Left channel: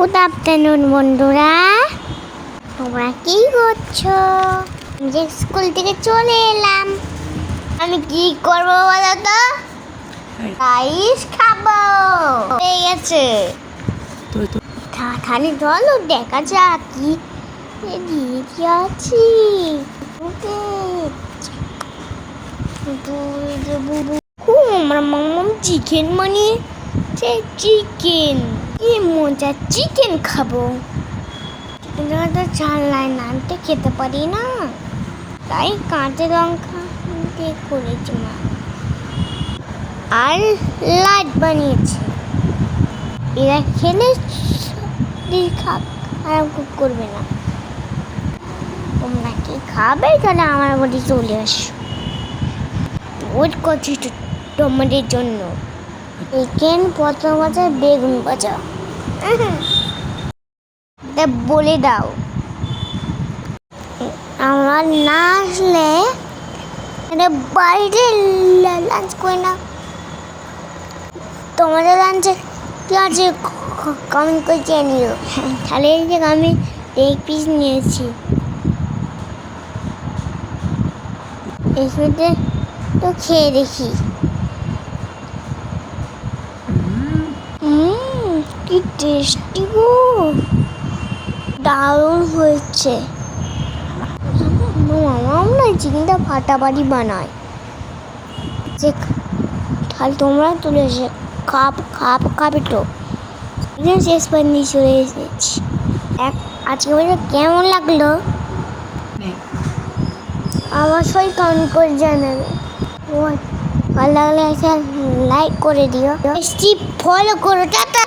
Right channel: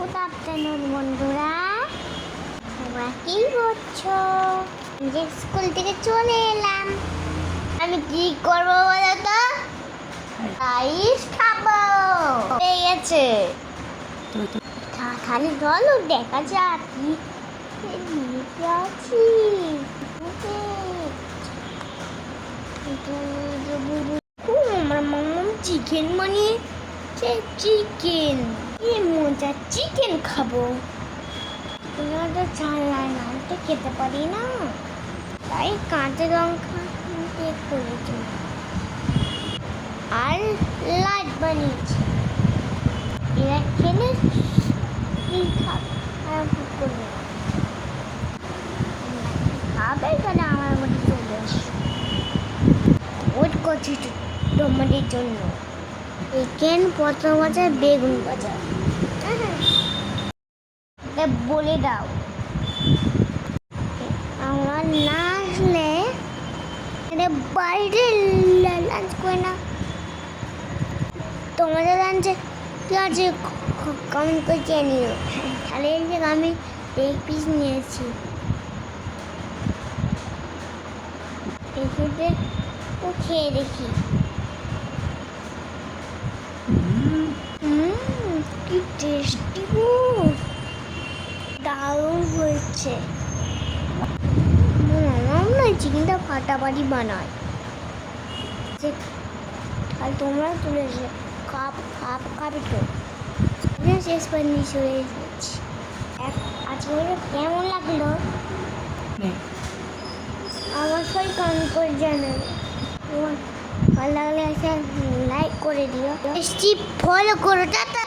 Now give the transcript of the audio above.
Good afternoon বন্ধুরা, তোমরা কি করছো? যে স্কুল থেকে চলে এলাম। আমি কি করবো বলো তো? রাইস খাবো। হয়ে গেছে। তাড়াতাড়ি চলো দেখা যাক কি দিয়েছি আছি। আমার মামাম চিকেন বানিয়েছে। চিকেন কি মজা, চিকেন খাবো। তো চালাই নানতে খেতে পারি না, তাই কাঁচা লঙ্কা দিয়ে করেছি মা। আর লাইট বানিয়েছে, এরা খেলে খাক আর করবে না। তোমরা কি খাবে? তাহলে আমার বাড়ি চলে আসো। ওয়েট করছি তোমাদের জন্য। চিকেন প্রথম আছে, বেগুন ভাজা। বলে দাও, আমার না আসলে বাইরে লাঞ্চ করে না। তোমাদের লাঞ্চে কি আছে কমেন্ট করে জানিও। তাহলে আমি এক পিস নিয়েছি। এই সাথে তো খেয়ে দেখি। কি টেস্টি গো, দারুণ হয়েছে। মামাম না চিকেনটা ফাটাফাটি বানায়। যে তাহলে তোমরা তুলে এসে খাবে তো। শেষ পর্যন্ত চলে এসেছি। আজকে বলে কেমন লাগলো অবশ্যই কমেন্ট করে জানাবে। ভালো লাগলে লাইক করে দিও, ফলো করো। টাটা।